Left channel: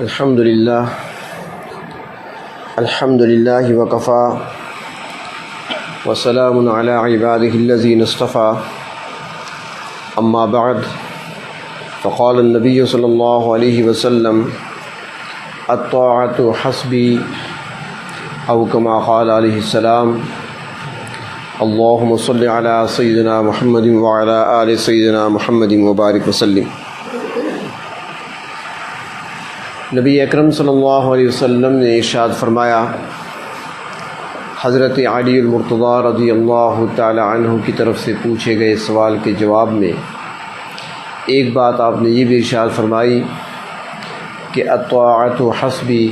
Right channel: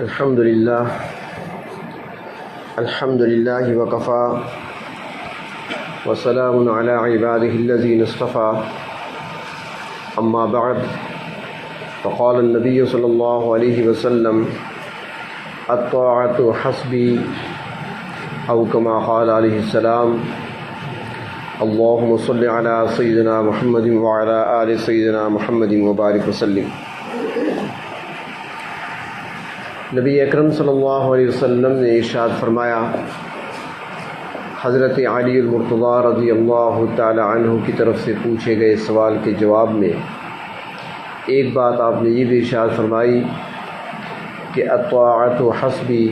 الحمد للہ وکفا وسلام علی عبادہ الذین اصطفى اما بعد فقال النبی صلی اللہ علیہ وسلم الطاعۃ حسبی او کما قال علیہ السلام اللہم صل علی سیدنا محمد وعلی آل سیدنا محمد وبارک وسلم۔ نبی اکرم صلی اللہ علیہ وسلم نے ارشاد فرمایا، حضرت علی المرتضیٰ رضی اللہ تعالی عنہ کی طرف سے پوچھے گئے سوال کے جواب میں ایک بات آپ نے یہ بھی ارشاد فرمائی کہ الطاعۃ حسبی،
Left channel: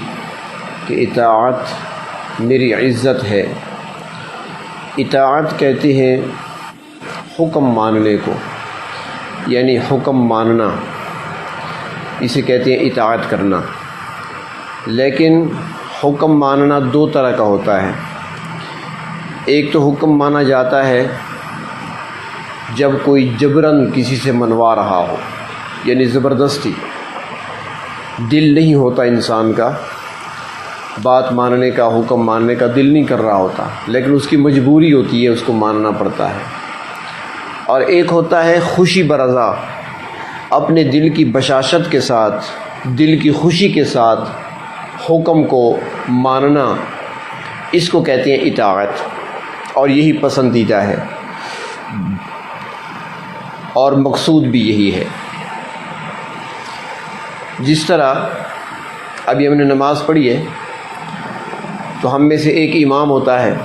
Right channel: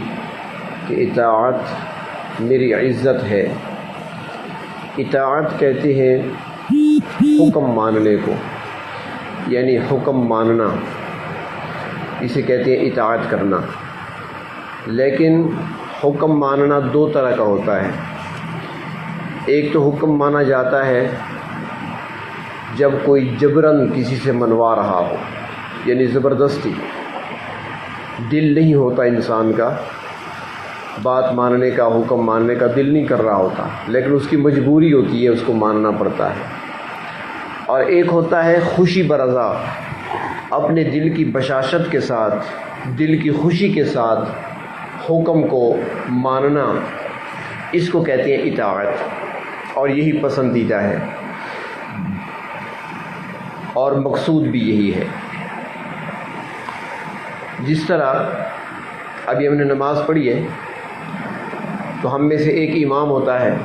کہ اطاعت میری عزت ہے۔ اطاعت کہتے ہیں حکم ماننے کو، یعنی حکم ماننا، اسے کہتے ہیں اطاعت کرنا۔ لیکن حکم ماننا دو طرح کا ہوتا ہے۔ ایک تو حکم مانا جاتا ہے جب کوئی جبراً کسی سے منوا رہا ہو، یعنی زبردستی، دل نہیں ہوتا انسان کا بات ماننے کا، حکم ماننے کا دل نہیں کر رہا ہوتا، لیکن اس کی مجبوری ہوتی ہے، اس کو ماننا پڑتا ہے۔ اور ایک ہوتا ہے خوشی برضا، اپنے دل کی بشاشت کے ساتھ، دل کی خوشی کے ساتھ حکم کو ماننا، اس کو کہتے ہیں اطاعت، اور یہی پسندیدہ ہے اور مقصود بھی یہی ہے۔ جس طرح ابھی ہم نے نماز پڑھی ہے تو ہم میں سے ایک امام ہوتا ہے،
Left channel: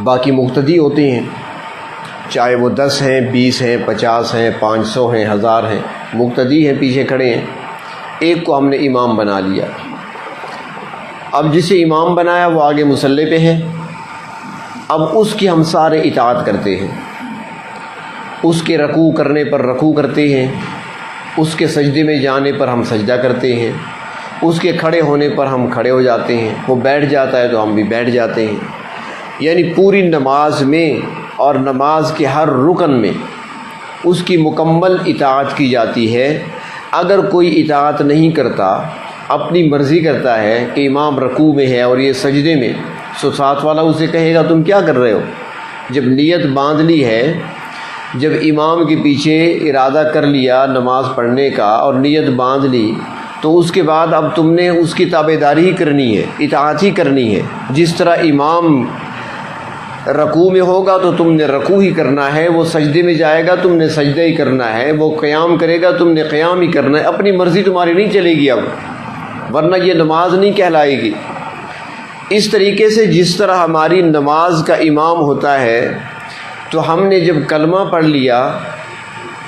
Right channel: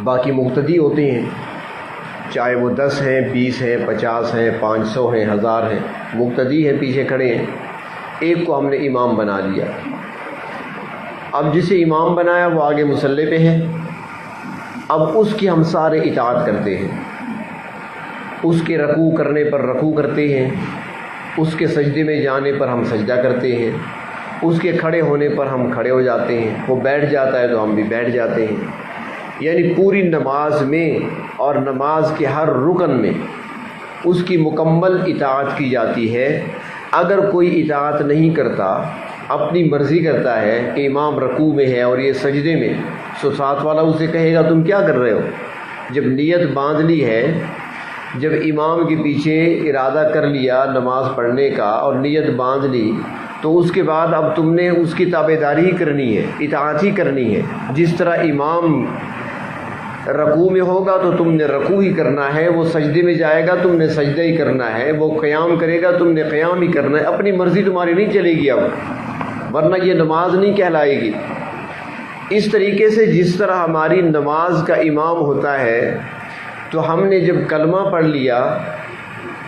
باقی مقتدی ہوتے ہیں، چاہے وہ 10 ہیں، 20 ہیں، 50 ہیں، 500 ہیں، 1000 ہیں، مقتدی ہیں، پیچھے کھڑے ہیں۔ ایک کو ہم نے امام بنا لیا، اب جسے امام بنایا وہ آگے مصلی پہ ہے، اب اس کی ہم سارے اطاعت کرتے ہیں، اس کے رکوع کرنے پر رکوع کرتے ہیں، اس کے سجدے میں جانے پر ہم سجدہ کرتے ہیں، اس کے کھڑے ہونے پر ہم کھڑے ہو جاتے ہیں، وہ بیٹھ جاتا ہے تو ہم بھی بیٹھ جاتے ہیں۔ یعنی پوری نماز میں اور نماز کے ہر رکن میں اس کی مکمل اطاعت کی جاتی ہے۔ اگر کوئی اطاعت نہیں کرتا، اپنی مرضی کرتا ہے کہ امام رکوع میں ہے اور یہ سجدے میں، سو ساتھ والا اسے کہے گا تم کیا کر رہے ہو؟ جب نیت باندھ لی ہے، جب امام کے پیچھے ارادہ کر لیا نماز پڑھنے کا اور نیت باندھ لی، تو اس کے بعد اب تم نے اس کی تابعداری ہی کرنی ہے، اطاعت ہی کرنی ہے۔ جس طرح امام رکوع میں ہوگا تو تم نے رکوع ہی کرنا ہے، وہ سجدے میں جائے گا تم نے سجدہ ہی کرنا ہے، وہ قیام کرے گا تم نے قیام ہی کرنا ہے۔ اپنی مرضی تمہاری نہیں چلے گی اب، ورنہ یہ نماز نہیں کہلائے گی۔ اس طریقے سے جس طرح ہماری نماز کا امام ہوتا ہے، تو ہم نے جب کلمہ پڑھ لیا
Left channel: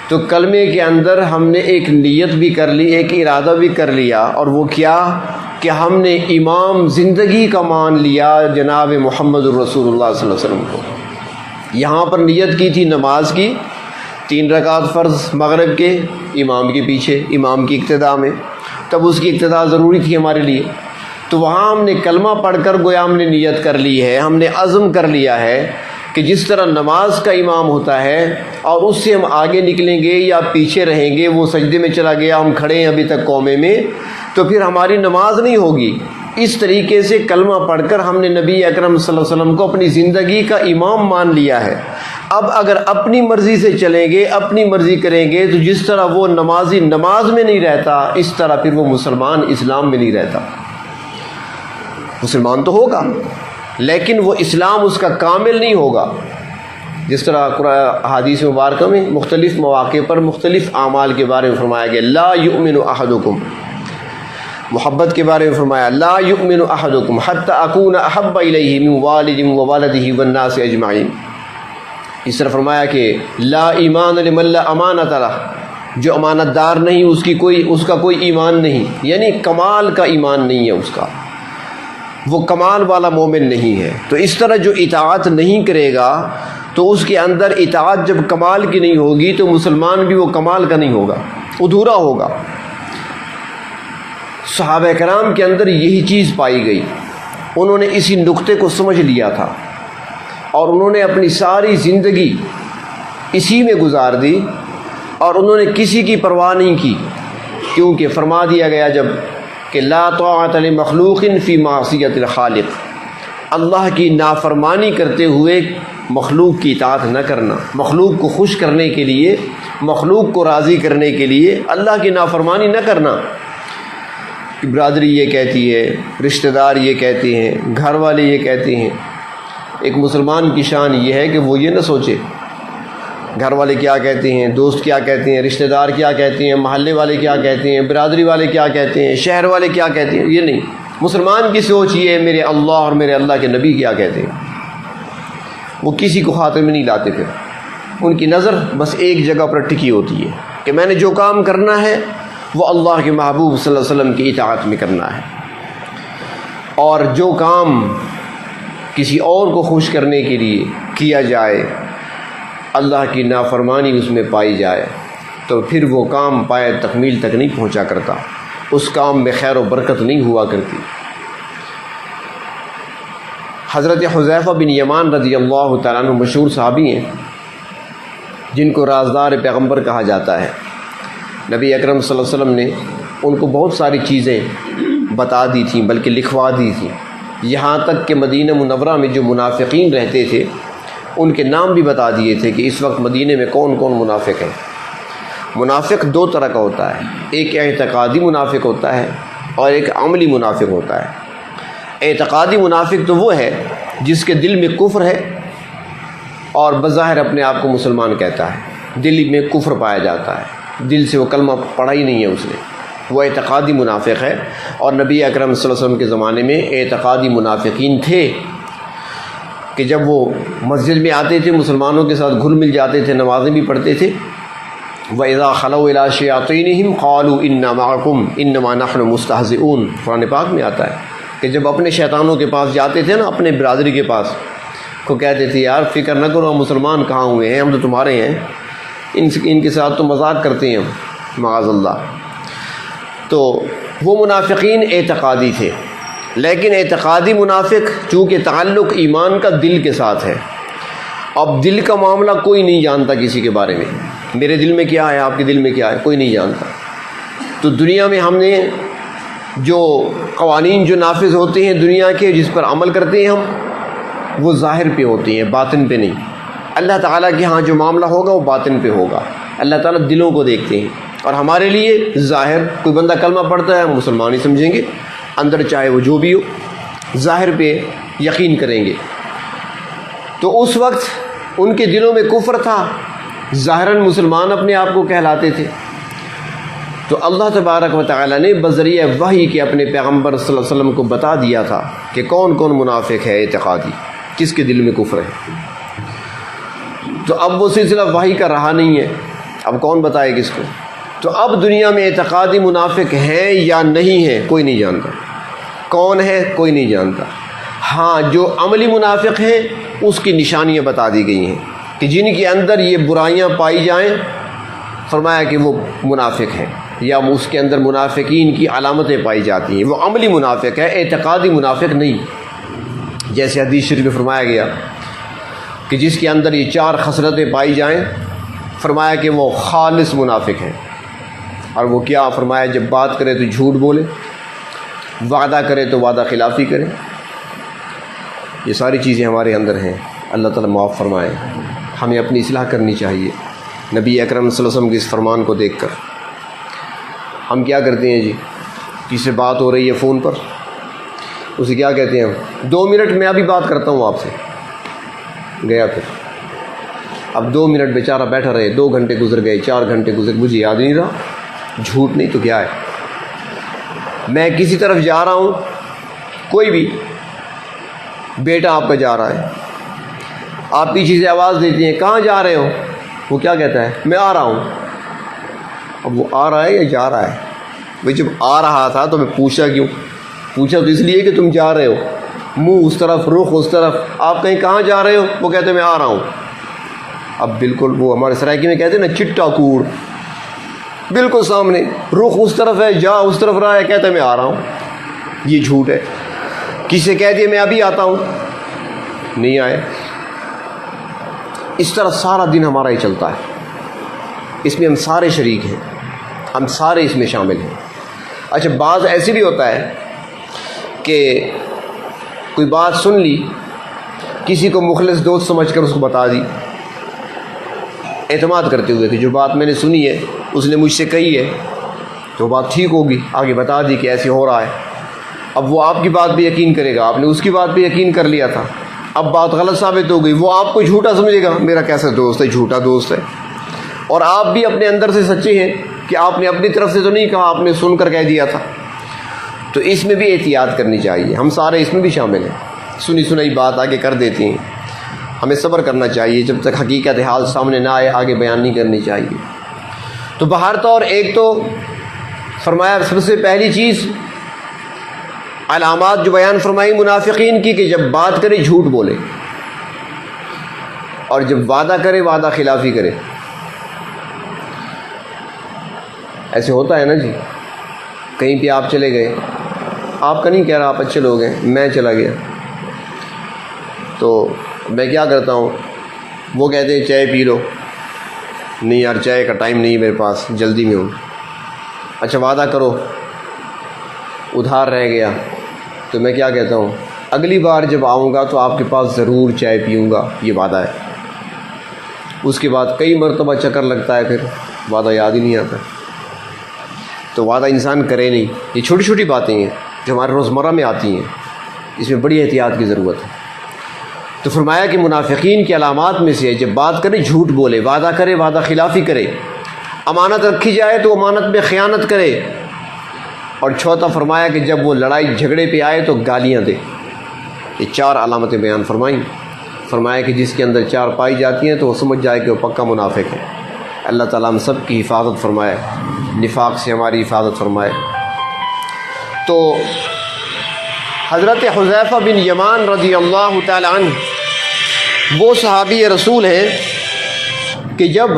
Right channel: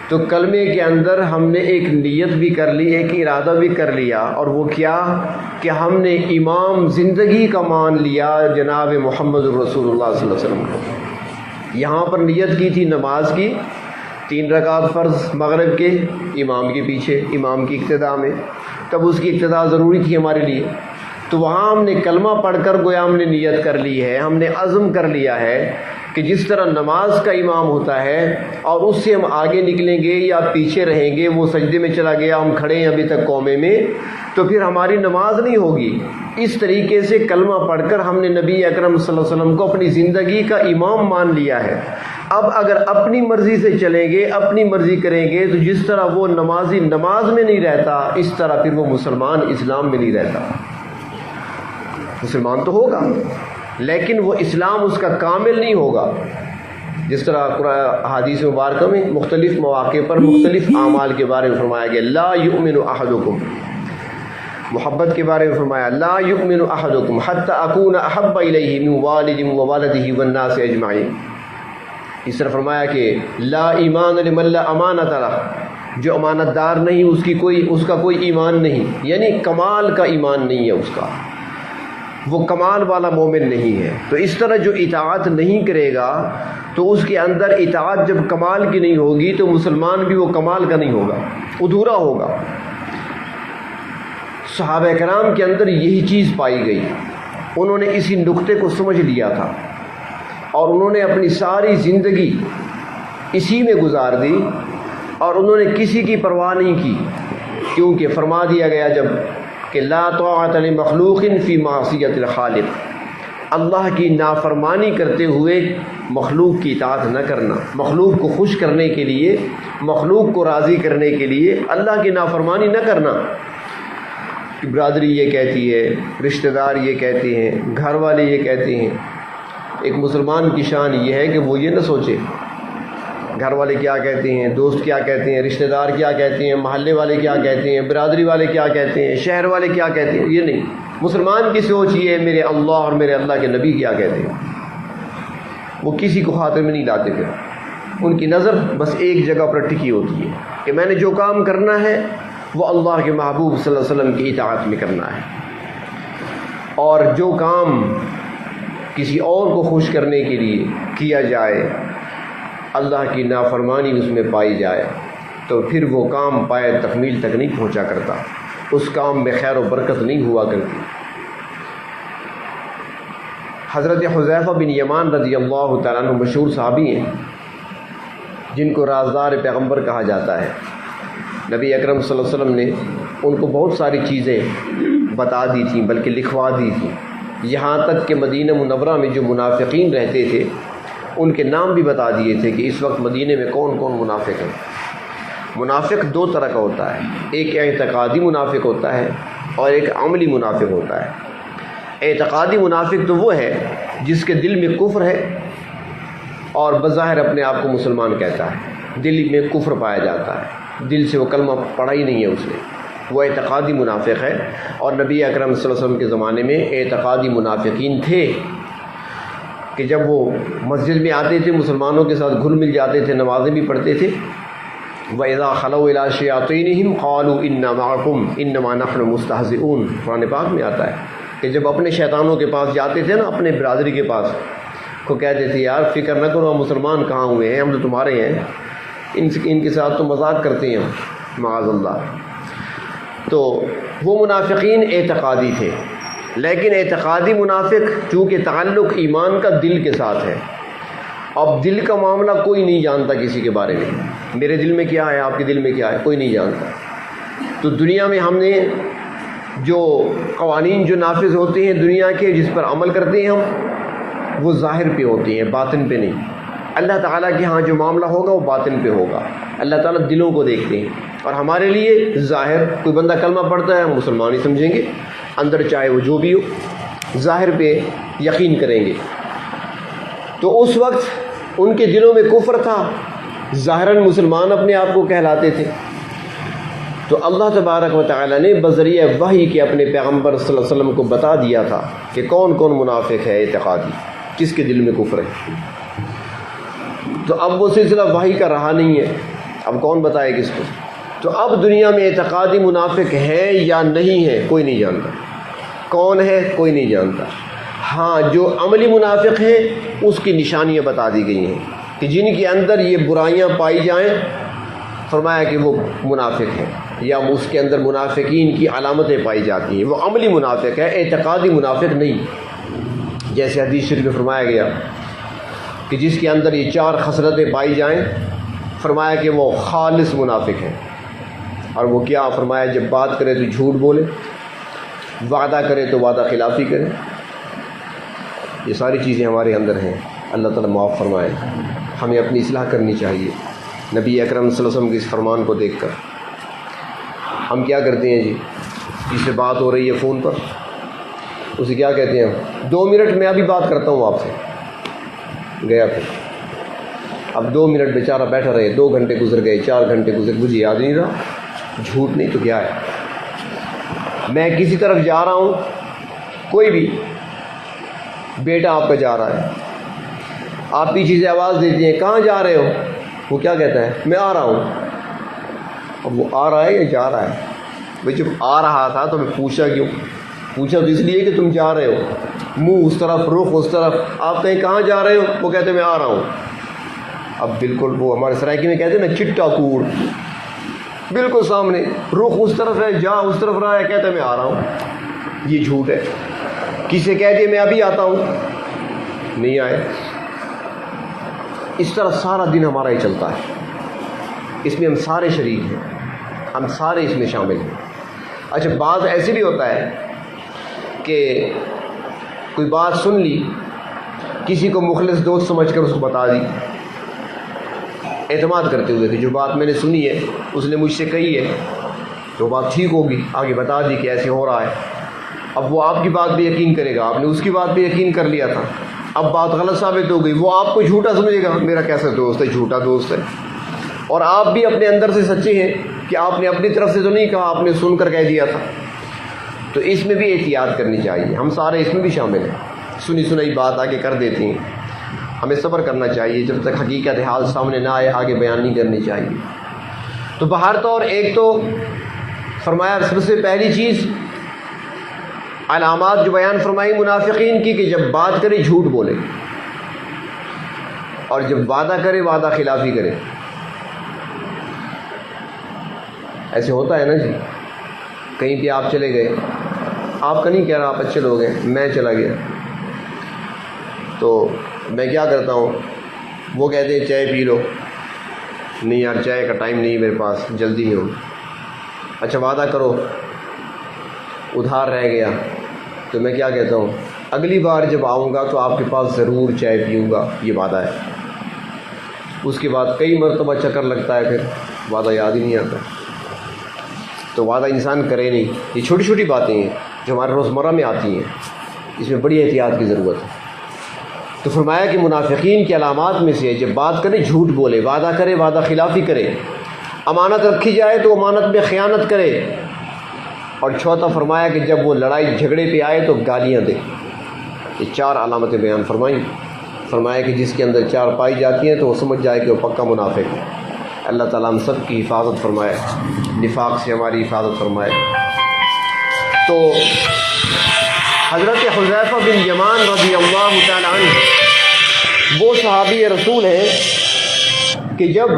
تو کلمے کے اندر ہم نے ایک نیت بھی کر لی، ایک ارادہ بھی کر لیا، اور وہ کیا کہ ہم نے امام زندگی کا مان لیا جناب محمد الرسول اللہ صلی اللہ علیہ وسلم کو۔ یہاں پر نیت کی تھی نماز کی، 3 رکعت فرض مغرب کے، امام کے پیچھے، امام کی اقتداء میں، تب اس کی اقتداء ضروری تھی ہمارے لیے۔ تو وہاں ہم نے کلمہ پڑھ کر گویا ہم نے نیت کر لی ہے، ہم نے عزم کر لیا ہے کہ جس طرح نماز کا امام ہوتا ہے اور اس سے ہم آگے نکلیں گے یا پیچھے رہیں گے، وہ سجدے میں چلا گیا، ہم کھڑے ہیں ابھی تک قومے میں، تو پھر ہماری نماز نہیں ہوگی۔ اس طریقے سے کلمہ پڑھ کر ہم نے نبی اکرم صلی اللہ علیہ وسلم کو اپنی زندگی کا امام مان لیا ہے۔ اب اگر اپنی مرضی سے چلیں گے، اپنی مرضی کریں گے، تو جس طرح وہ نمازی نماز میں نہیں رہتا، اس طرح پھر وہ مسلمان اسلام میں نہیں رہتا۔ مسلمان تو ہوگا لیکن وہ اسلام اس کا کامل نہیں ہوگا۔ جس طرح قرآن حدیث مبارکہ میں مختلف مواقع پر مختلف اعمال کے بارے میں فرمایا گیا، لا یؤمن احدکم، محبت کے بارے میں فرمایا لا یؤمن احدکم حتی اکون احب الیہ من والد وولدہ والناس اجمعین۔ اس طرح فرمایا کہ لا ایمان لمن لا امانۃ لہ، جو امانت دار نہیں اس کا کوئی ایمان نہیں، یعنی کمال کا ایمان نہیں ہے اس کا، وہ کمال والا مومن نہیں ہے۔ تو اس طرح جو اطاعت نہیں کرے گا تو اس کے اندر اطاعت جب کمال کی نہیں ہوگی تو مسلمان بھی وہ کمال کا نہیں ہوگا، ادھورا ہوگا۔ صحابہ کرام کے اندر یہی چیز پائی گئی، انہوں نے اسی نقطے کو سمجھ لیا تھا اور انہوں نے اپنی ساری زندگی اسی میں گزار دی اور انہوں نے کسی کی پرواہ نہیں کی، کیونکہ فرما دیا گیا جب کہ لا طاعۃ لمخلوق فی معصیۃ الخالق، اللہ کی نافرمانی کرتے ہوئے مخلوق کی اطاعت نہ کرنا، مخلوق کو خوش کرنے کے لیے، مخلوق کو راضی کرنے کے لیے اللہ کی نافرمانی نہ کرنا۔ برادری یہ کہتی ہے، رشتہ دار یہ کہتے ہیں، گھر والے یہ کہتے ہیں۔ ایک مسلمان کی شان یہ ہے کہ وہ یہ نہ سوچے گھر والے کیا کہتے ہیں، دوست کیا کہتے ہیں، رشتہ دار کیا کہتے ہیں، محلے والے کیا کہتے ہیں، برادری والے کیا کہتے ہیں، شہر والے کیا کہتے ہیں، یہ نہیں۔ مسلمان کی سوچ یہ ہے میرے اللہ اور میرے اللہ کے نبی کیا کہتے ہیں۔ وہ کسی کو خاطر میں نہیں لاتے، پھر ان کی نظر بس ایک جگہ پر ٹکی ہوتی ہے کہ میں نے جو کام کرنا ہے وہ اللہ کے محبوب صلی اللہ علیہ وسلم کی اطاعت میں کرنا ہے، اور جو کام کسی اور کو خوش کرنے کے لیے کیا جائے، اللہ کی نافرمانی اس میں پائی جائے، تو پھر وہ کام پائے تکمیل تک نہیں پہنچا کرتا، اس کام میں خیر و برکت نہیں ہوا کرتی۔ حضرت حذیفہ بن یمان رضی اللہ تعالیٰ عنہ مشہور صحابی ہیں جن کو رازدار پیغمبر کہا جاتا ہے۔ نبی اکرم صلی اللہ علیہ وسلم نے ان کو بہت ساری چیزیں بتا دی تھیں، بلکہ لکھوا دی تھیں، یہاں تک کہ مدینہ منورہ میں جو منافقین رہتے تھے ان کے نام بھی بتا دیے تھے کہ اس وقت مدینہ میں کون کون منافق ہیں۔ منافق دو طرح کا ہوتا ہے، ایک اعتقادی منافق ہوتا ہے اور ایک عملی منافق ہوتا ہے۔ اعتقادی منافق تو وہ ہے جس کے دل میں کفر ہے اور بظاہر اپنے آپ کو مسلمان کہتا ہے، دل میں کفر پایا جاتا ہے، دل سے وہ کلمہ پڑھا ہی نہیں ہے اس نے، وہ اعتقادی منافق ہے۔ اور نبی اکرم صلی اللہ علیہ وسلم کے زمانے میں اعتقادی منافقین تھے کہ جب وہ مسجد میں آتے تھے مسلمانوں کے ساتھ گھل مل جاتے تھے، نمازیں بھی پڑھتے تھے۔ وَإِذَا خَلَوْا إِلَىٰ شَيَاطِينِهِمْ قَالُوا إِنَّا مَعَكُمْ إِنَّمَا نَحْنُ مُسْتَهْزِئُونَ، قرآن پاک میں آتا ہے کہ جب اپنے شیطانوں کے پاس جاتے تھے نا، اپنے برادری کے پاس، کو کہتے تھے یار فکر نہ کرو، ہم مسلمان کہاں ہوئے ہیں، ہم تو تمہارے ہیں، ان کے ساتھ تو مذاق کرتے ہیں ہم، معاذ اللہ۔ تو وہ منافقین اعتقادی تھے، لیکن اعتقادی منافق چونکہ تعلق ایمان کا دل کے ساتھ ہے، اب دل کا معاملہ کوئی نہیں جانتا کسی کے بارے میں، میرے دل میں کیا ہے، آپ کے دل میں کیا ہے، کوئی نہیں جانتا۔ تو دنیا میں ہم نے جو قوانین جو نافذ ہوتے ہیں دنیا کے، جس پر عمل کرتے ہیں ہم، وہ ظاہر پہ ہوتے ہیں، باطن پہ نہیں۔ اللہ تعالیٰ کے ہاں جو معاملہ ہوگا وہ باطن پہ ہوگا، اللہ تعالیٰ دلوں کو دیکھتے ہیں، اور ہمارے لیے ظاہر کوئی بندہ کلمہ پڑھتا ہے مسلمان ہی سمجھیں گے، اندر چاہے وہ جو بھی ہو، ظاہر پہ یقین کریں گے۔ تو اس وقت ان کے دلوں میں کفر تھا، ظاہراً مسلمان اپنے آپ کو کہلاتے تھے۔ تو اللہ تبارک و تعالیٰ نے بذریعہ وحی کے اپنے پیغمبر صلی اللہ علیہ وسلم کو بتا دیا تھا کہ کون کون منافق ہے اعتقادی، کس کے دل میں کفر ہے۔ تو اب وہ سلسلہ وحی کا رہا نہیں ہے، اب کون بتائے کس کو؟ تو اب دنیا میں اعتقادی منافق ہے یا نہیں ہے کوئی نہیں جانتا، کون ہے کوئی نہیں جانتا۔ ہاں جو عملی منافق ہے اس کی نشانیاں بتا دی گئی ہیں کہ جن کے اندر یہ برائیاں پائی جائیں، فرمایا کہ وہ منافق ہے، یا اس کے اندر منافقین کی علامتیں پائی جاتی ہیں، وہ عملی منافق ہے، اعتقادی منافق نہیں۔ جیسے حدیث شریف میں فرمایا گیا کہ جس کے اندر یہ 4 خصلتیں پائی جائیں، فرمایا کہ وہ خالص منافق ہے۔ اور وہ کیا؟ فرمایا جب بات کرے تو جھوٹ بولے، وعدہ کرے تو وعدہ خلافی کرے۔ یہ ساری چیزیں ہمارے اندر ہیں، اللہ تعالیٰ معاف فرمائے۔ ہمیں اپنی اصلاح کرنی چاہیے۔ نبی اکرم صلی اللہ علیہ وسلم کے اس فرمان کو دیکھ کر ہم کیا کرتے ہیں جی؟ کسی سے بات ہو رہی ہے فون پر، اسے کیا کہتے ہیں ہم؟ 2 منٹ میں ابھی بات کرتا ہوں آپ سے، گیا پھر۔ اب 2 منٹ بیچارہ بیٹھا رہے، 2 گھنٹے گزر گئے، 4 گھنٹے گزر، مجھے یاد نہیں رہا۔ جھوٹ نہیں تو کیا ہے؟ میں کسی طرف جا رہا ہوں، کوئی بھی بیٹا آپ کا جا رہا ہے، آپ پیچھے سے آواز دیتی ہیں کہاں جا رہے ہو؟ وہ کیا کہتا ہے؟ میں آ رہا ہوں۔ اب وہ آ رہا ہے یا جا رہا ہے؟ بھائی جب آ رہا تھا تو میں پوچھا کیوں؟ پوچھا تو اس لیے کہ تم جا رہے ہو، منہ اس طرف، رخ اس طرف، آپ کہیں کہاں جا رہے ہو؟ وہ کہتے ہیں میں آ رہا ہوں۔ اب بالکل وہ ہمارے سرائکی میں کہتے ہیں نا چٹا کوڑ، بالکل سامنے، رخ اس طرف ہے، جا اس طرف رہا ہے، کہتا ہے میں آ رہا ہوں۔ یہ جھوٹ ہے۔ کسی کہہ دیا میں ابھی آتا ہوں، نہیں آئے۔ اس طرح سارا دن ہمارا ہی چلتا ہے، اس میں ہم سارے شریک ہیں۔ ہم سارے اس میں شامل ہیں۔ اچھا، بعض ایسے بھی ہوتا ہے کہ کوئی بات سن لی، کسی کو مخلص دوست سمجھ کر اس کو بتا دی، اعتماد کرتے ہوئے کہ جو بات میں نے سنی ہے اس نے مجھ سے کہی ہے تو بات ٹھیک ہوگی، آگے بتا دی کہ ایسے ہو رہا ہے۔ اب وہ آپ کی بات پہ یقین کرے گا، آپ نے اس کی بات پہ یقین کر لیا تھا، اب بات غلط ثابت ہو گئی، وہ آپ کو جھوٹا سمجھے گا، میرا کیسا دوست ہے، جھوٹا دوست ہے، اور آپ بھی اپنے اندر سے سچے ہیں کہ آپ نے اپنی طرف سے تو نہیں کہا، آپ نے سن کر کہہ دیا تھا۔ تو اس میں بھی احتیاط کرنی چاہیے، ہم سارے اس میں بھی شامل ہیں، سنی سنائی بات آگے کر دیتی ہیں، ہمیں صبر کرنا چاہیے، جب تک حقیقت حال سامنے نہ آئے آگے بیان نہیں کرنی چاہیے۔ تو بہر طور ایک تو فرمایا سب سے پہلی چیز علامات جو بیان فرمائی منافقین کی، کہ جب بات کرے جھوٹ بولے، اور جب وعدہ کرے وعدہ خلافی کرے۔ ایسے ہوتا ہے نا جی، کہیں پہ آپ چلے گئے، آپ کا نہیں کہہ رہا، آپ اچھے لوگ ہیں، میں چلا گیا تو میں کیا کرتا ہوں، وہ کہتے ہیں چائے پی لو، نہیں یار چائے کا ٹائم نہیں میرے پاس، جلدی میں ہوں۔ اچھا وعدہ کرو، ادھار رہ گیا تو میں کیا کہتا ہوں، اگلی بار جب آؤں گا تو آپ کے پاس ضرور چائے پیوں گا، یہ وعدہ ہے۔ اس کے بعد کئی مرتبہ چکر لگتا ہے، پھر وعدہ یاد ہی نہیں آتا۔ تو وعدہ انسان کرے نہیں۔ یہ چھوٹی چھوٹی باتیں ہیں جو ہمارے روزمرہ میں آتی ہیں، اس میں بڑی احتیاط کی ضرورت ہے۔ تو فرمایا کہ منافقین کی علامات میں سے جب بات کرے جھوٹ بولے، وعدہ کرے وعدہ خلافی کرے، امانت رکھی جائے تو امانت میں خیانت کرے، اور چوتھا فرمایا کہ جب وہ لڑائی جھگڑے پہ آئے تو گالیاں دے۔ یہ چار علامتیں بیان فرمائیں۔ فرمایا کہ جس کے اندر چار پائی جاتی ہیں تو وہ سمجھ جائے کہ وہ پکا منافق ہے۔ اللہ تعالیٰ ہم سب کی حفاظت فرمائے، نفاق سے ہماری حفاظت فرمائے۔ تو حضرت حذیفہ بن یمان رضی اللہ تعالیٰ عنہ وہ صحابی رسول ہیں کہ جب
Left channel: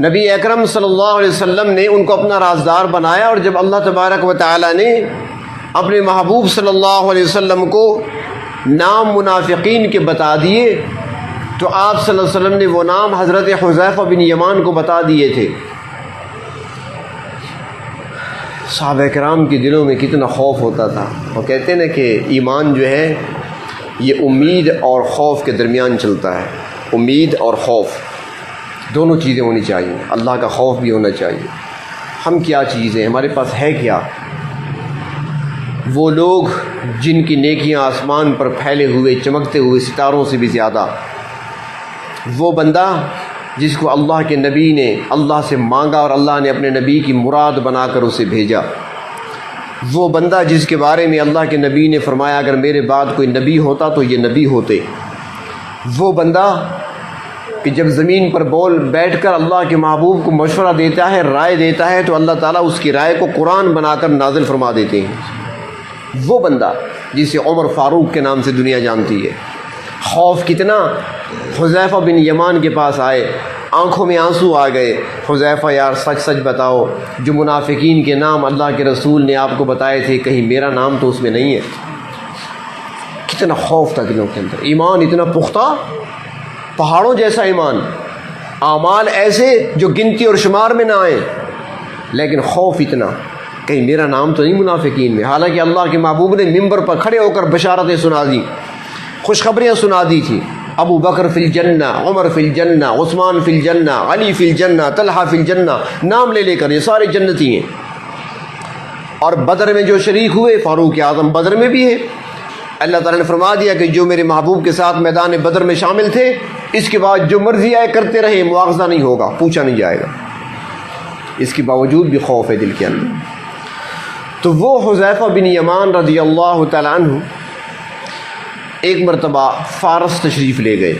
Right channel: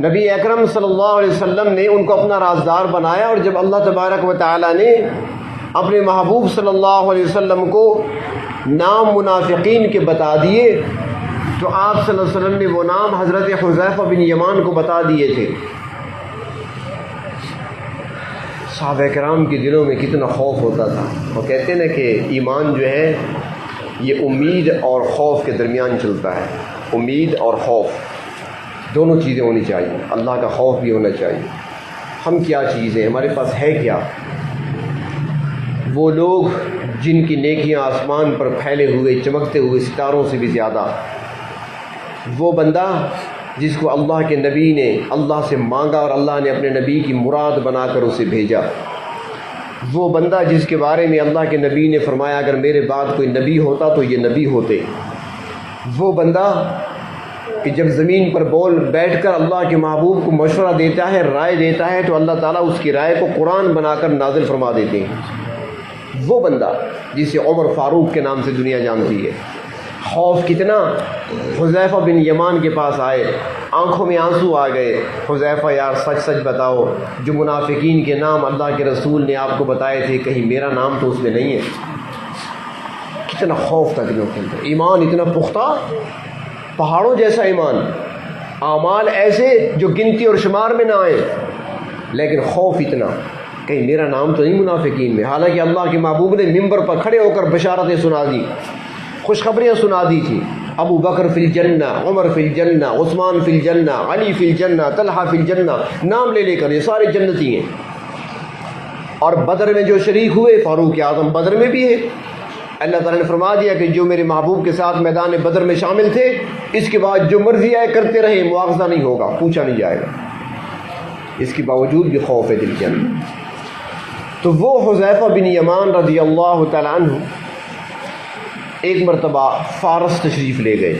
نبی اکرم صلی اللہ علیہ وسلم نے ان کو اپنا رازدار بنایا، اور جب اللہ تبارک و تعالیٰ نے اپنے محبوب صلی اللہ علیہ وسلم کو نام منافقین کے بتا دیے تو آپ صلی اللہ علیہ وسلم نے وہ نام حضرت حذیفہ بن یمان کو بتا دیے تھے۔ صحابہ کرام کے دلوں میں کتنا خوف ہوتا تھا۔ وہ کہتے ہیں نا کہ ایمان جو ہے یہ امید اور خوف کے درمیان چلتا ہے، امید اور خوف دونوں چیزیں ہونی چاہیے، اللہ کا خوف بھی ہونا چاہیے۔ ہم کیا چیز ہیں، ہمارے پاس ہے کیا؟ وہ لوگ جن کی نیکیاں آسمان پر پھیلے ہوئے چمکتے ہوئے ستاروں سے بھی زیادہ، وہ بندہ جس کو اللہ کے نبی نے اللہ سے مانگا اور اللہ نے اپنے نبی کی مراد بنا کر اسے بھیجا، وہ بندہ جس کے بارے میں اللہ کے نبی نے فرمایا اگر میرے بعد کوئی نبی ہوتا تو یہ نبی ہوتے، وہ بندہ کہ جب زمین پر بول بیٹھ کر اللہ کے محبوب کو مشورہ دیتا ہے، رائے دیتا ہے، تو اللہ تعالیٰ اس کی رائے کو قرآن بنا کر نازل فرما دیتے ہیں، وہ بندہ جسے عمر فاروق کے نام سے دنیا جانتی ہے۔ خوف کتنا! حذیفہ بن یمان کے پاس آئے، آنکھوں میں آنسو آ گئے، حذیفہ یار سچ سچ بتاؤ، جو منافقین کے نام اللہ کے رسول نے آپ کو بتائے تھے کہیں میرا نام تو اس میں نہیں ہے؟ کتنا خوف تھا دلوں کے اندر، ایمان اتنا پختہ، پہاڑوں جیسا ایمان، اعمال ایسے جو گنتی اور شمار میں نہ آئے، لیکن خوف اتنا کہیں میرا نام تو نہیں منافقین میں۔ حالانکہ اللہ کے محبوب نے ممبر پر کھڑے ہو کر بشارتیں سنا دی، خوشخبریاں سنا دی تھی، ابو بکر فی الجنہ، عمر فی الجنہ، عثمان فی الجنہ، علی فی الجنہ، طلحہ فی الجنہ، نام لے لے کر یہ سارے جنتی ہیں۔ اور بدر میں جو شریک ہوئے، فاروق اعظم بدر میں بھی ہے۔ اللہ تعالیٰ نے فرما دیا کہ جو میرے محبوب کے ساتھ میدان بدر میں شامل تھے، اس کے بعد جو مرضی آئے کرتے رہے، مواخذہ نہیں ہوگا، پوچھا نہیں جائے گا۔ اس کے باوجود بھی خوف ہے دل کے اندر۔ تو وہ حذیفہ بن یمان رضی اللہ تعالیٰ عنہ ایک مرتبہ فارس تشریف لے گئے،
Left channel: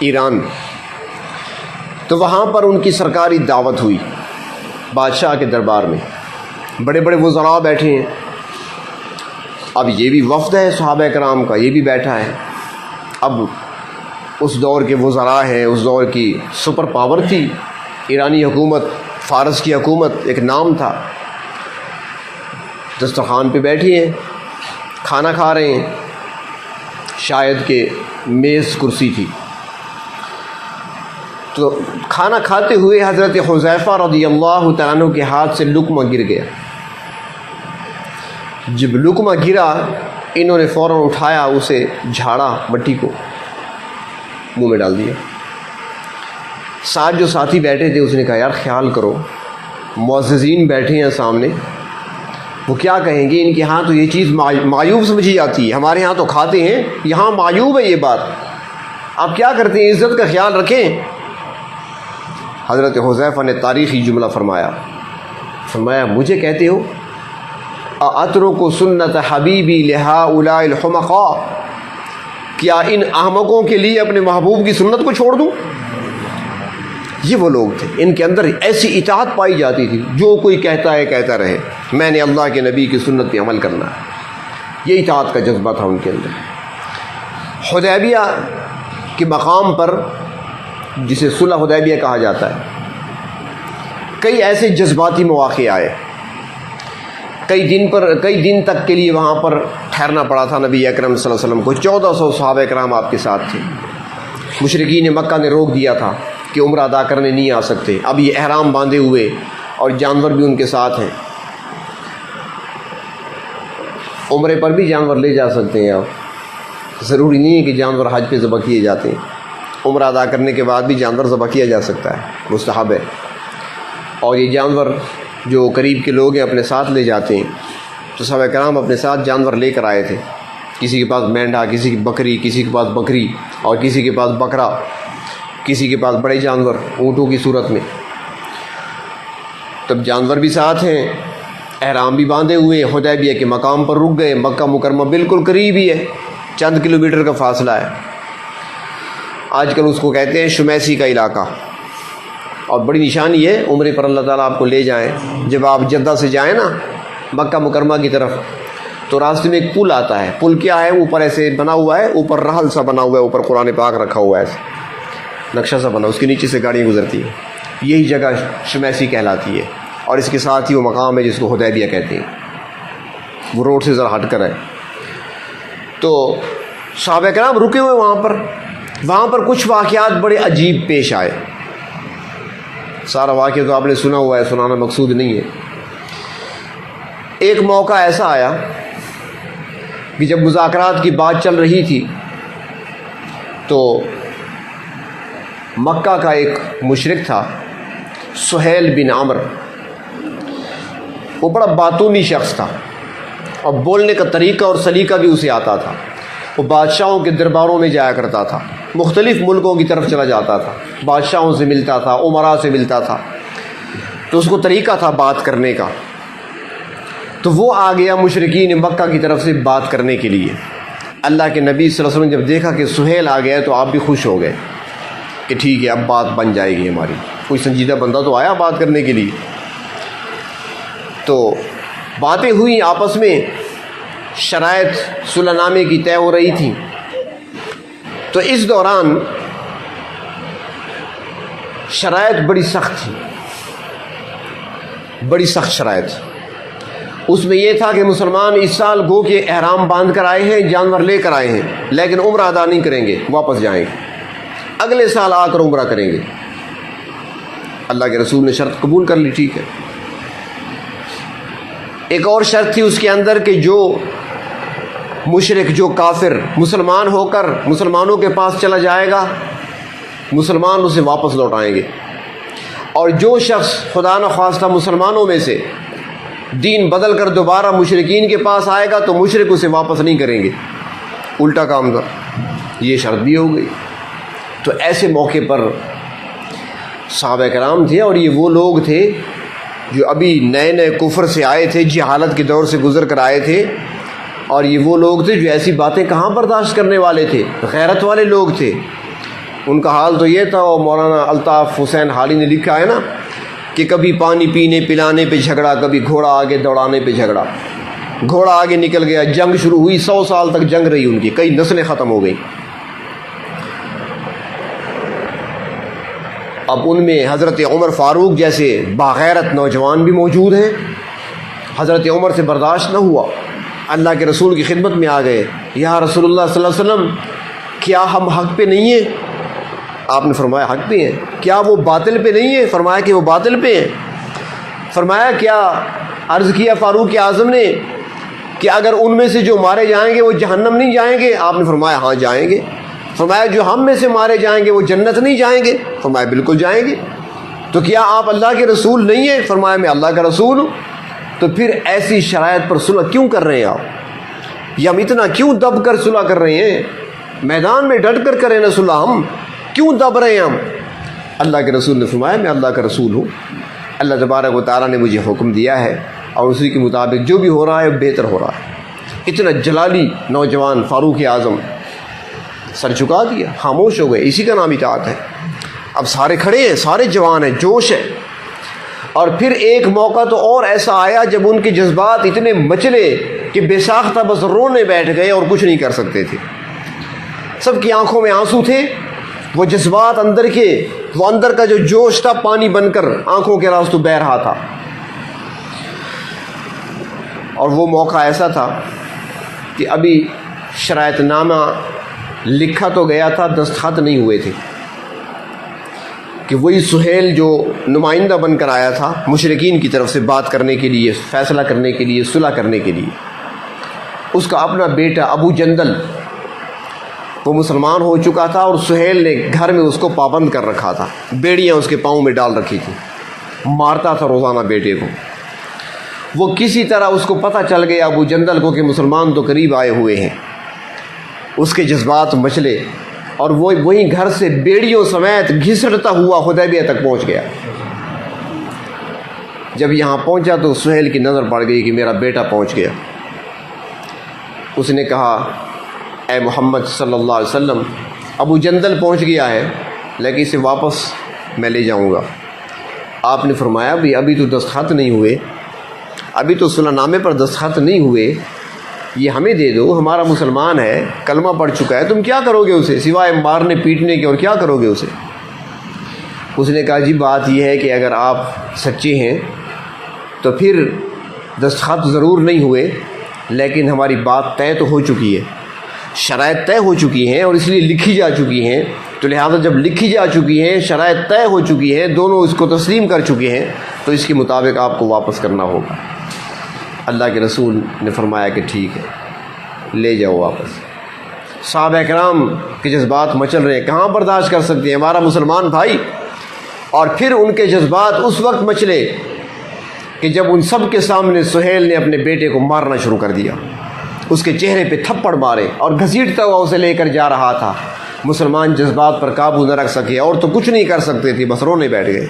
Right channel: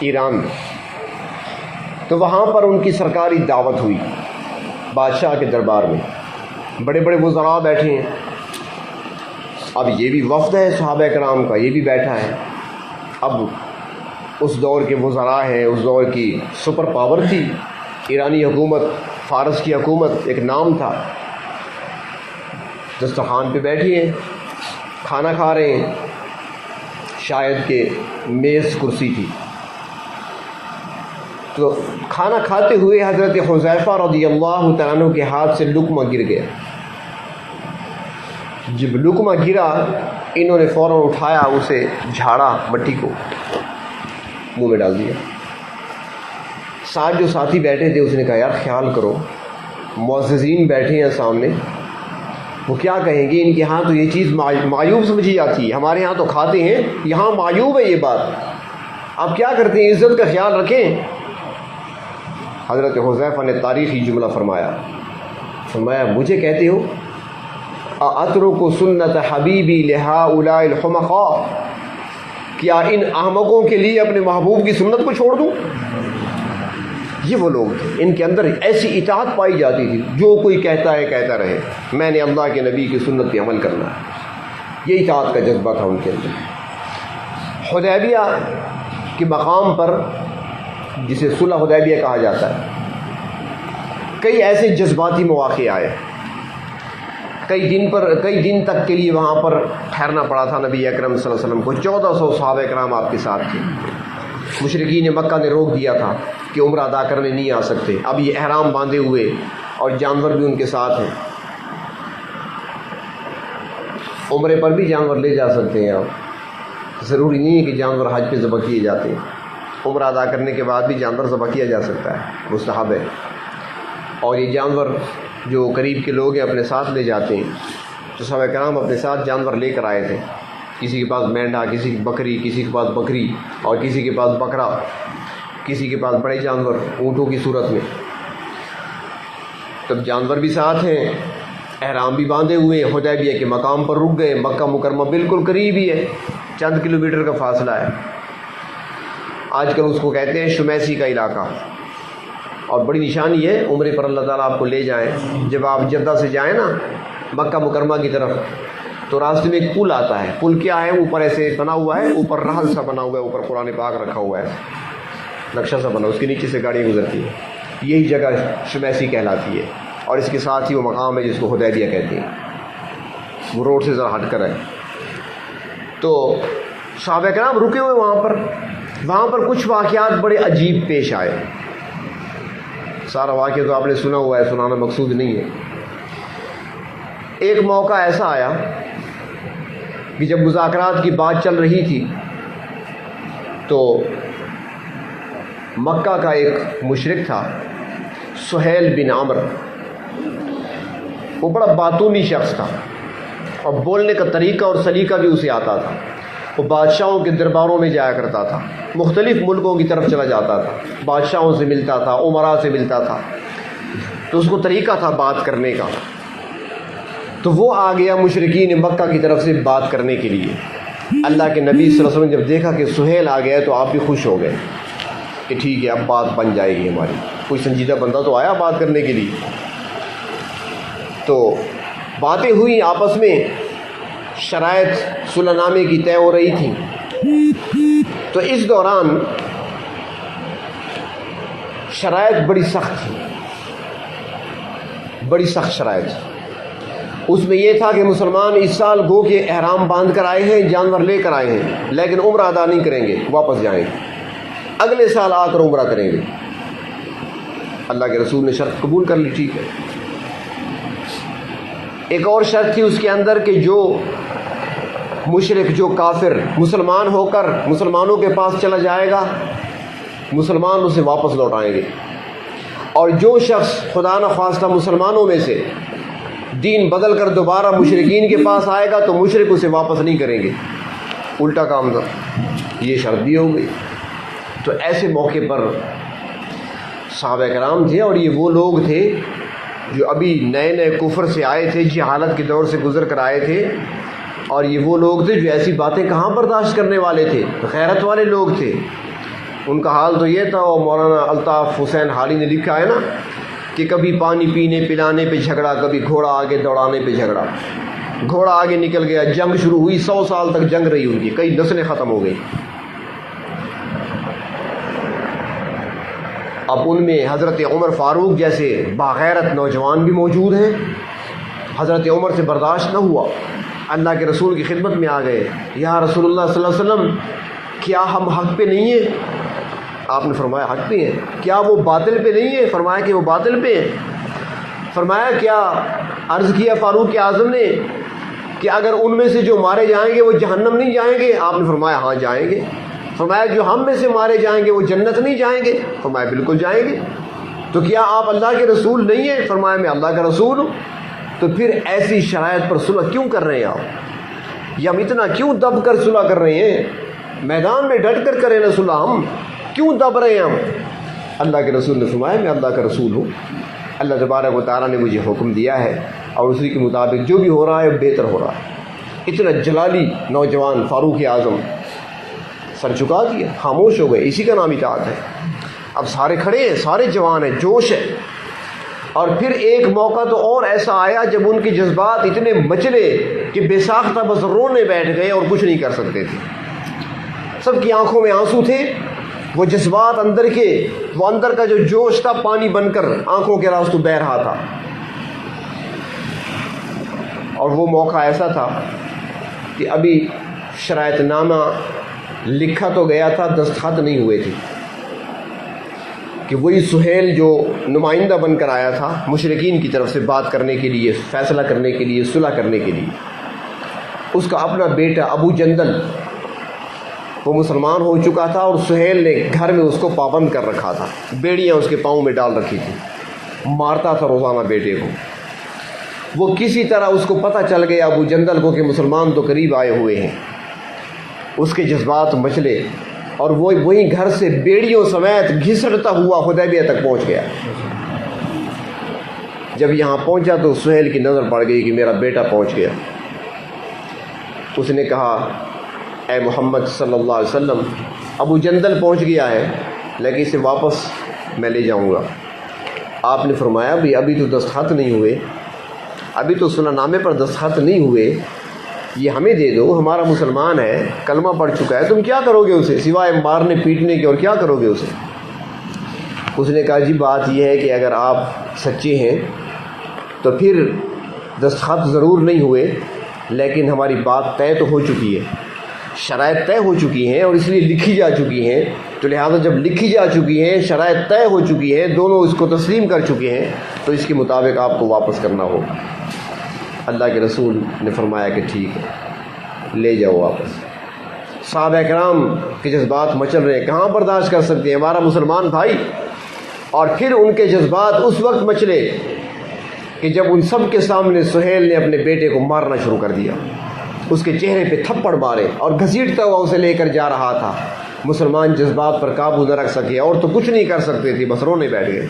ایران، تو وہاں پر ان کی سرکاری دعوت ہوئی بادشاہ کے دربار میں، بڑے بڑے وزراء بیٹھے ہیں۔ اب یہ بھی وفد ہے صحابہ کرام کا، یہ بھی بیٹھا ہے۔ اب اس دور کے وزراء ہیں، اس دور کی سپر پاور تھی ایرانی حکومت، فارس کی حکومت ایک نام تھا۔ دسترخوان پہ بیٹھی ہیں، کھانا کھا رہے ہیں، شاید کہ میز کرسی تھی، تو کھانا کھاتے ہوئے حضرت حذیفہ رضی اللہ تعالیٰ عنہ کے ہاتھ سے لقمہ گر گیا. جب لقمہ گرا انہوں نے فوراً اٹھایا، اسے جھاڑا، مٹی کو منہ میں ڈال دیا. ساتھ جو ساتھی بیٹھے تھے اس نے کہا یار خیال کرو، معززین بیٹھے ہیں سامنے، وہ کیا کہیں گے؟ ان کے ہاں تو یہ چیز معیوب سمجھی جاتی ہے، ہمارے ہاں تو کھاتے ہیں، یہاں معیوب ہے یہ بات، آپ کیا کرتے ہیں؟ عزت کا خیال رکھیں. حضرت حذیفہ نے تاریخی جملہ فرمایا مجھے کہتے ہو اترک سنت حبیبی لہؤلاء الحمقاء، کیا ان احمقوں کے لیے اپنے محبوب کی سنت کو چھوڑ دوں؟ یہ وہ لوگ تھے، ان کے اندر ایسی اطاعت پائی جاتی تھی، جو کوئی کہتا ہے کہتا رہے، میں نے اللہ کے نبی کی سنت پہ عمل کرنا ہے. یہ اطاعت کا جذبہ تھا ان کے اندر. حدیبیہ کے مقام پر، جسے صلح حدیبیہ کہا جاتا ہے، کئی ایسے جذباتی مواقع آئے. کئی دن تک کے لیے وہاں پر ٹھہرنا پڑا تھا نبی اکرم صلی اللہ علیہ وسلم کو. 1400 صحابہ کرام آپ کے ساتھ تھے. مشرکین مکہ نے روک دیا تھا کہ عمرہ ادا کرنے نہیں آ سکتے. اب یہ احرام باندھے ہوئے اور جانور بھی ان کے ساتھ ہیں. عمرے پر بھی جانور لے جا سکتے ہیں آپ، ضروری نہیں ہے کہ جانور حج پہ ذبح کیے جاتے ہیں. عمرہ ادا کرنے کے بعد بھی جانور ذبح کیا جا سکتا ہے، مستحب ہے. اور یہ جانور جو قریب کے لوگ ہیں اپنے ساتھ لے جاتے ہیں. تو صحابہ کرام اپنے ساتھ جانور لے کر آئے تھے. کسی کے پاس مینڈھا، کسی کی بکری، کسی کے پاس بکری، اور کسی کے پاس بکرا، کسی کے پاس بڑے جانور اونٹوں کی صورت میں. تب جانور بھی ساتھ ہیں، احرام بھی باندھے ہوئے، حدیبیہ کے مقام پر رک گئے. مکہ مکرمہ بالکل قریب ہی ہے، چند کلومیٹر کا فاصلہ ہے. آج کل اس کو کہتے ہیں شمیسی کا علاقہ. اور بڑی نشانی ہے عمرے پر اللہ تعالیٰ آپ کو لے جائیں. جب آپ جدہ سے جائیں نا مکہ مکرمہ کی طرف، تو راستے میں ایک پل آتا ہے. پل کیا ہے؟ اوپر ایسے بنا ہوا ہے، اوپر رحل سا بنا ہوا ہے، اوپر قرآن پاک رکھا ہوا ہے، ایسے نقشہ سا بنا، اس کے نیچے سے گاڑیاں گزرتی ہیں. یہی جگہ شمیسی کہلاتی ہے. اور اس کے ساتھ ہی وہ مقام ہے جس کو حدیبیہ کہتے ہیں. وہ روڈ سے ذرا ہٹ کر ہے. تو صحابہ کرام رکے ہوئے وہاں پر کچھ واقعات بڑے عجیب پیش آئے. سارا واقعہ تو آپ نے سنا ہوا ہے، سنانا مقصود نہیں ہے. ایک موقع ایسا آیا کہ جب مذاکرات کی بات چل رہی تھی تو مکہ کا ایک مشرک تھا سہیل بن عمر. وہ بڑا باتونی شخص تھا اور بولنے کا طریقہ اور سلیقہ بھی اسے آتا تھا. وہ بادشاہوں کے درباروں میں جایا کرتا تھا، مختلف ملکوں کی طرف چلا جاتا تھا، بادشاہوں سے ملتا تھا، امراء سے ملتا تھا. تو اس کو طریقہ تھا بات کرنے کا. تو وہ آ گیا مشرکین مکہ کی طرف سے بات کرنے کے لیے. اللہ کے نبی صلی اللہ علیہ وسلم جب دیکھا کہ سہیل آ گیا تو آپ بھی خوش ہو گئے کہ ٹھیک ہے اب بات بن جائے گی ہماری. کوئی سنجیدہ بندہ تو آیا بات کرنے کے لیے. تو باتیں ہوئی آپس میں، شرائط صلح نامے کی طے ہو رہی تھی. تو اس دوران شرائط بڑی سخت تھی، بڑی سخت شرائط. اس میں یہ تھا کہ مسلمان اس سال گو کے احرام باندھ کر آئے ہیں، جانور لے کر آئے ہیں، لیکن عمرہ ادا نہیں کریں گے، واپس جائیں گے، اگلے سال آ کر عمرہ کریں گے. اللہ کے رسول نے شرط قبول کر لی، ٹھیک ہے. ایک اور شرط تھی اس کے اندر کہ جو مشرک، جو کافر مسلمان ہو کر مسلمانوں کے پاس چلا جائے گا، مسلمان اسے واپس لوٹائیں گے. اور جو شخص خدا نخواستہ مسلمانوں میں سے دین بدل کر دوبارہ مشرکین کے پاس آئے گا تو مشرک اسے واپس نہیں کریں گے، الٹا کام تھا. یہ شرط بھی ہو گئی. تو ایسے موقع پر صحابہ کرام تھے، اور یہ وہ لوگ تھے جو ابھی نئے نئے کفر سے آئے تھے، جہالت کے دور سے گزر کر آئے تھے. اور یہ وہ لوگ تھے جو ایسی باتیں کہاں برداشت کرنے والے تھے، غیرت والے لوگ تھے. ان کا حال تو یہ تھا، اور مولانا الطاف حسین حالی نے لکھا ہے نا کہ کبھی پانی پینے پلانے پہ جھگڑا، کبھی گھوڑا آگے دوڑانے پہ جھگڑا. گھوڑا آگے نکل گیا، جنگ شروع ہوئی، 100 سال تک جنگ رہی ان کی، کئی نسلیں ختم ہو گئی. اب ان میں حضرت عمر فاروق جیسے باغیرت نوجوان بھی موجود ہیں. حضرت عمر سے برداشت نہ ہوا، اللہ کے رسول کی خدمت میں آ گئے. یا رسول اللہ صلی اللہ علیہ وسلم، کیا ہم حق پہ نہیں ہیں؟ آپ نے فرمایا حق پہ ہیں. کیا وہ باطل پہ نہیں ہے؟ فرمایا کہ وہ باطل پہ ہیں. فرمایا کیا عرض کیا فاروق اعظم نے کہ اگر ان میں سے جو مارے جائیں گے وہ جہنم نہیں جائیں گے؟ آپ نے فرمایا ہاں جائیں گے. فرمایا جو ہم میں سے مارے جائیں گے وہ جنت نہیں جائیں گے؟ فرمایا بالکل جائیں گے. تو کیا آپ اللہ کے رسول نہیں ہیں؟ فرمایا میں اللہ کا رسول ہوں. تو پھر ایسی شرائط پر صلح کیوں کر رہے ہیں آپ؟ یہ ہم اتنا کیوں دب کر صلح کر رہے ہیں؟ میدان میں ڈٹ کر کریں نا صلح، ہم کیوں دب رہے ہیں ہم؟ اللہ کے رسول نے فرمایا میں اللہ کا رسول ہوں، اللہ تبارک و تعالیٰ نے مجھے حکم دیا ہے اور اسی کے مطابق جو بھی ہو رہا ہے بہتر ہو رہا ہے. اتنا جلالی نوجوان فاروق اعظم سر چکا دیا، خاموش ہو گئے. اسی کا نام اطاعت ہے. اب سارے کھڑے ہیں، سارے جوان ہیں، جوش ہے. اور پھر ایک موقع تو اور ایسا آیا جب ان کے جذبات اتنے مچلے کہ بے ساختہ بس رونے بیٹھ گئے اور کچھ نہیں کر سکتے تھے. سب کی آنکھوں میں آنسو تھے. وہ جذبات اندر کے، وہ اندر کا جو جوش تھا پانی بن کر آنکھوں کے راستوں بہہ رہا تھا. اور وہ موقع ایسا تھا کہ ابھی شرائط نامہ لکھا تو گیا تھا، دستخط نہیں ہوئے تھے کہ وہی سہیل جو نمائندہ بن کر آیا تھا مشرکین کی طرف سے بات کرنے کے لیے، فیصلہ کرنے کے لیے، صلح کرنے کے لیے، اس کا اپنا بیٹا ابو جندل وہ مسلمان ہو چکا تھا اور سہیل نے گھر میں اس کو پابند کر رکھا تھا. بیڑیاں اس کے پاؤں میں ڈال رکھی تھی، مارتا تھا روزانہ بیٹے کو. وہ کسی طرح اس کو پتہ چل گیا ابو جندل کو کہ مسلمان تو قریب آئے ہوئے ہیں. اس کے جذبات مچلے اور وہ وہیں گھر سے بیڑیوں سمیت گھسٹتا ہوا حدیبیہ تک پہنچ گیا. جب یہاں پہنچا تو سہیل کی نظر پڑ گئی کہ میرا بیٹا پہنچ گیا. اس نے کہا اے محمد صلی اللہ علیہ وسلم، ابو جندل پہنچ گیا ہے لیکن اسے واپس میں لے جاؤں گا. آپ نے فرمایا بھی ابھی تو دستخط نہیں ہوئے، ابھی تو صلح نامے پر دستخط نہیں ہوئے، یہ ہمیں دے دو، ہمارا مسلمان ہے، کلمہ پڑھ چکا ہے، تم کیا کرو گے اسے سوائے مارنے پیٹنے کے، اور کیا کرو گے اسے؟ اس نے کہا جی بات یہ ہے کہ اگر آپ سچے ہیں تو پھر دستخط ضرور نہیں ہوئے لیکن ہماری بات طے تو ہو چکی ہے، شرائط طے ہو چکی ہیں اور اس لیے لکھی جا چکی ہیں. تو لہٰذا جب لکھی جا چکی ہیں، شرائط طے ہو چکی ہے، دونوں اس کو تسلیم کر چکے ہیں، تو اس کے مطابق آپ کو واپس کرنا ہوگا. اللہ کے رسول نے فرمایا کہ ٹھیک ہے لے جاؤ واپس. صحابہ کرام کے جذبات مچل رہے ہیں، کہاں برداشت کر سکتے ہیں ہمارا مسلمان بھائی. اور پھر ان کے جذبات اس وقت مچلے کہ جب ان سب کے سامنے سہیل نے اپنے بیٹے کو مارنا شروع کر دیا، اس کے چہرے پہ تھپڑ مارے اور گھسیٹتا ہوا اسے لے کر جا رہا تھا. مسلمان جذبات پر قابو نہ رکھ سکے اور تو کچھ نہیں کر سکتے تھے، بس رونے بیٹھ گئے.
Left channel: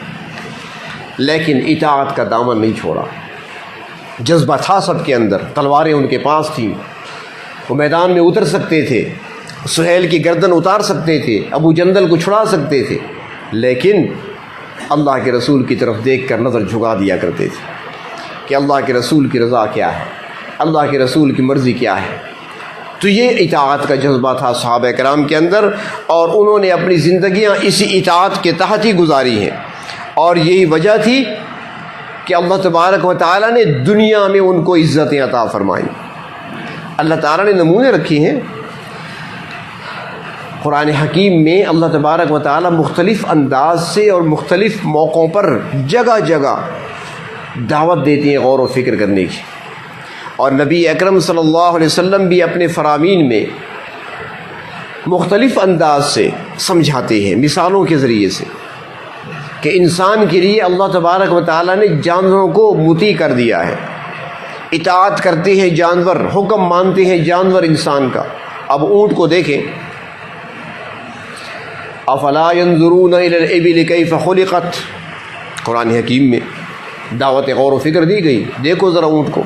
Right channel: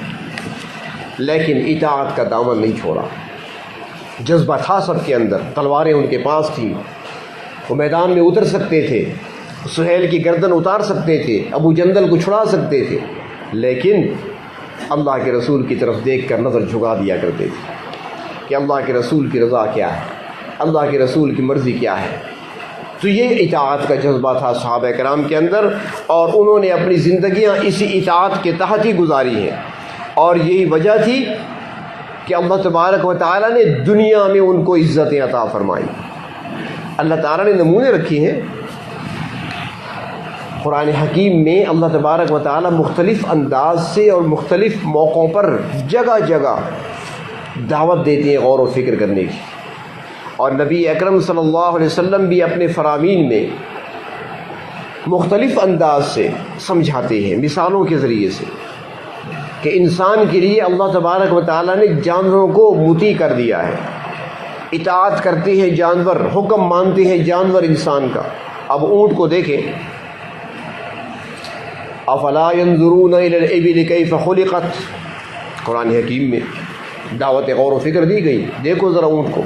لیکن اطاعت کا دامن نہیں چھوڑا. جذبہ تھا سب کے اندر، تلواریں ان کے پاس تھیں، وہ میدان میں اتر سکتے تھے، سہیل کی گردن اتار سکتے تھے، ابو جندل کو چھڑا سکتے تھے، لیکن اللہ کے رسول کی طرف دیکھ کر نظر جھکا دیا کرتے تھے کہ اللہ کے رسول کی رضا کیا ہے، اللہ کے رسول کی مرضی کیا ہے. تو یہ اطاعت کا جذبہ تھا صحابہ کرام کے اندر، اور انہوں نے اپنی زندگیاں اسی اطاعت کے تحت ہی گزاری ہیں. اور یہی وجہ تھی کہ اللہ تبارک و تعالیٰ نے دنیا میں ان کو عزتیں عطا فرمائیں. اللہ تعالیٰ نے نمونے رکھے ہیں قرآن حکیم میں. اللہ تبارک و تعالیٰ مختلف انداز سے اور مختلف موقعوں پر جگہ جگہ دعوت دیتے ہیں غور و فکر کرنے کی. اور نبی اکرم صلی اللہ علیہ وسلم بھی اپنے فرامین میں مختلف انداز سے سمجھاتے ہیں، مثالوں کے ذریعے سے، کہ انسان کے لیے اللہ تبارک و تعالیٰ نے جانوروں کو مطیع کر دیا ہے. اطاعت کرتے ہیں جانور، حکم مانتے ہیں جانور انسان کا. اب اونٹ کو دیکھیں، افلا ينظرون الى الابل كيف خلقت، قرآن حکیم میں دعوت غور و فکر دی گئی. دیکھو ذرا اونٹ کو،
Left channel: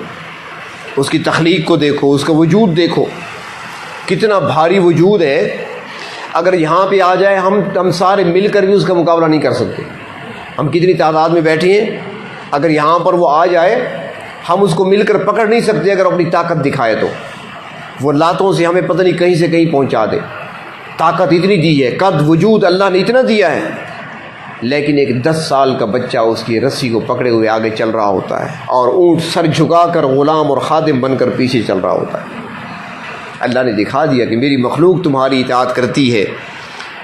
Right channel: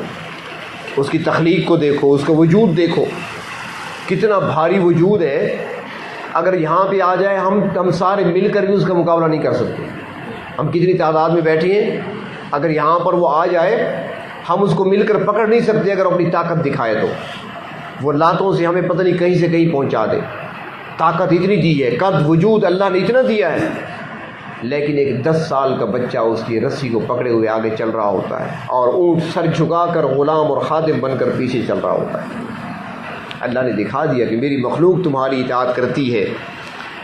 اس کی تخلیق کو دیکھو، اس کا وجود دیکھو، کتنا بھاری وجود ہے. اگر یہاں پہ آ جائے ہم سارے مل کر بھی اس کا مقابلہ نہیں کر سکتے. ہم کتنی تعداد میں بیٹھے ہیں، اگر یہاں پر وہ آ جائے ہم اس کو مل کر پکڑ نہیں سکتے. اگر اپنی طاقت دکھائے تو وہ لاتوں سے ہمیں پتہ نہیں کہیں سے کہیں پہنچا دے. طاقت اتنی دی ہے، قد وجود اللہ نے اتنا دیا ہے. لیکن ایک 10 سال کا بچہ اس کی رسی کو پکڑے ہوئے آگے چل رہا ہوتا ہے، اور اونٹ سر جھکا کر غلام اور خادم بن کر پیچھے چل رہا ہوتا ہے. اللہ نے دکھا دیا کہ میری مخلوق تمہاری اطاعت کرتی ہے،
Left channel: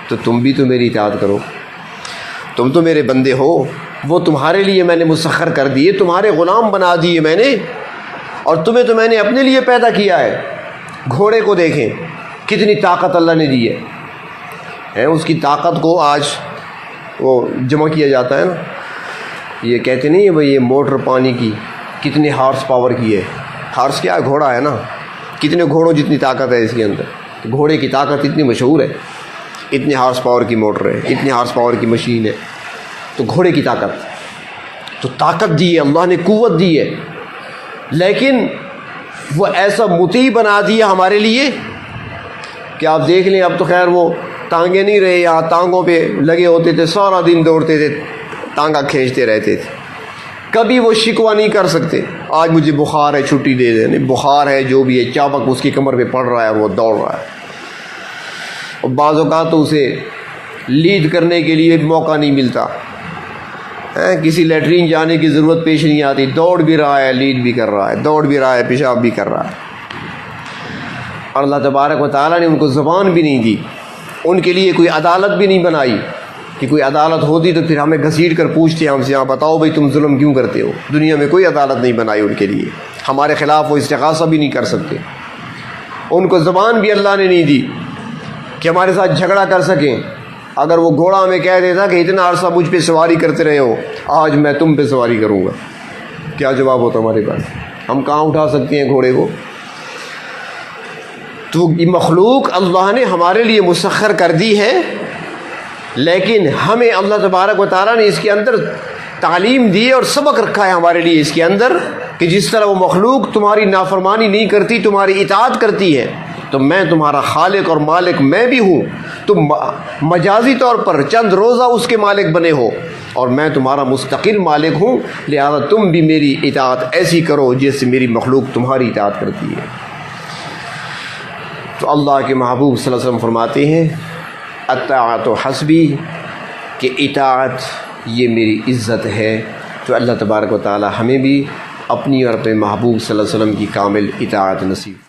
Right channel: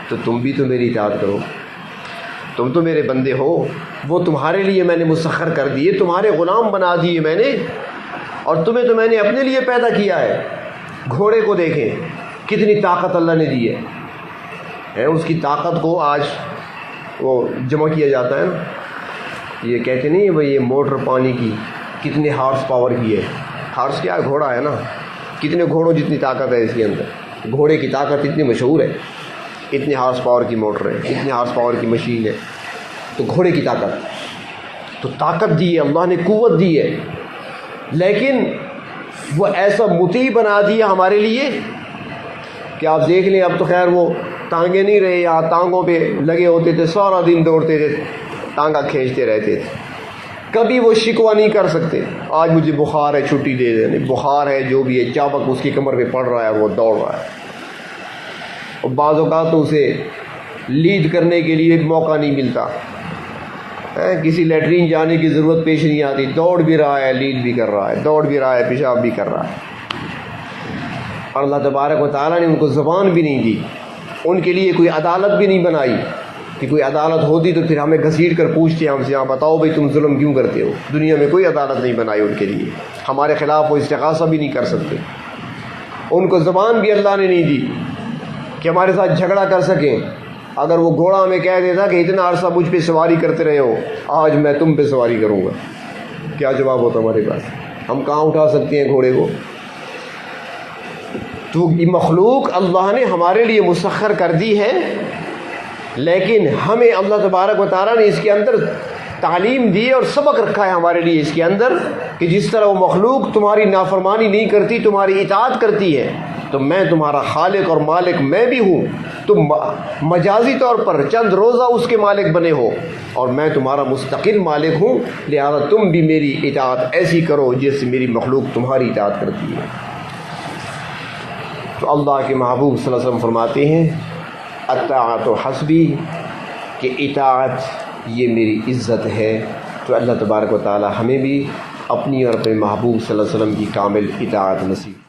تو تم بھی تو میری اطاعت کرو، تم تو میرے بندے ہو، وہ تمہارے لیے میں نے مسخر کر دیے، تمہارے غلام بنا دیے میں نے، اور تمہیں تو میں نے اپنے لیے پیدا کیا ہے۔ گھوڑے کو دیکھیں کتنی طاقت اللہ نے دی ہے، اس کی طاقت کو آج وہ جمع کیا جاتا ہے نا، یہ کہتے نہیں بھائی یہ موٹر پانی کی کتنے ہارس پاور کی ہے، ہارس کیا ہے؟ گھوڑا ہے نا، کتنے گھوڑوں جتنی طاقت ہے اس کے اندر، گھوڑے کی طاقت اتنی مشہور ہے، اتنے ہارس پاور کی موٹر ہے، اتنے ہارس پاور کی مشین ہے، تو گھوڑے کی طاقت، تو طاقت دی ہے اللہ نے، قوت دی ہے، لیکن وہ ایسا مطیع بنا دیا ہمارے لیے کہ آپ دیکھ لیں اب تو خیر وہ ٹانگیں نہیں رہے، یہاں ٹانگوں پہ لگے ہوتے تھے، سارا دن دوڑتے تھے، ٹانگا کھینچتے رہتے تھے، کبھی وہ شکوہ نہیں کر سکتے آج مجھے بخار ہے چھٹی دے دیں، نہیں بخار ہے جو بھی ہے، چابک اس کی کمر پہ پڑ رہا ہے اور وہ دوڑ رہا ہے، اور بعض اوقات تو اسے لیڈ کرنے کے لیے موقع نہیں ملتا، کسی لیٹرین جانے کی ضرورت پیش نہیں آتی، دوڑ بھی رہا ہے، لیڈ بھی کر رہا ہے، دوڑ بھی رہا ہے، پیشاب بھی کر رہا ہے، اور اللہ تبارک و تعالیٰ نے ان کو زبان بھی نہیں دی، ان کے لیے کوئی عدالت بھی نہیں بنائی کہ کوئی عدالت ہوتی تو پھر ہمیں گھسیٹ کر پوچھتے ہم سے، ہاں بتاؤ بھائی تم ظلم کیوں کرتے ہو، دنیا میں کوئی عدالت نہیں بنائی ان کے لیے، ہمارے خلاف وہ استغاثہ بھی نہیں کر سکتے، ان کو زبان بھی اللہ نے نہیں دی کہ ہمارے ساتھ جھگڑا کر سکیں، اگر وہ گھوڑا ہمیں کہہ دیتا کہ اتنا عرصہ مجھ پہ سواری کرتے رہے ہو، آج میں تم پہ سواری کروں گا، کیا جواب ہوتا ہمارے پاس؟ ہم کہاں اٹھا سکتے ہیں گھوڑے کو؟ تو یہ مخلوق اللہ نے ہمارے لیے مسخر کر دی ہے، لیکن ہمیں اللہ تبارک و تعالیٰ نے اس کے اندر تعلیم دی اور سبق رکھا ہے ہمارے لیے اس کے اندر کہ جس طرح وہ مخلوق تمہاری نافرمانی نہیں کرتی، تمہاری اطاعت کرتی ہے، تو میں تمہارا خالق اور مالک میں بھی ہوں، تم مجازی طور پر چند روزہ اس کے مالک بنے ہو، اور میں تمہارا مستقل مالک ہوں، لہذا تم بھی میری اطاعت ایسی کرو جیسے میری مخلوق تمہاری اطاعت کرتی ہے۔ تو اللہ کے محبوب صلی اللہ علیہ وسلم فرماتے ہیں اطاعت حسبی، کہ اطاعت یہ میری عزت ہے۔ تو اللہ تبارک و تعالی ہمیں بھی اپنی اور اپنے محبوب صلی اللہ علیہ وسلم کی کامل اطاعت نصیب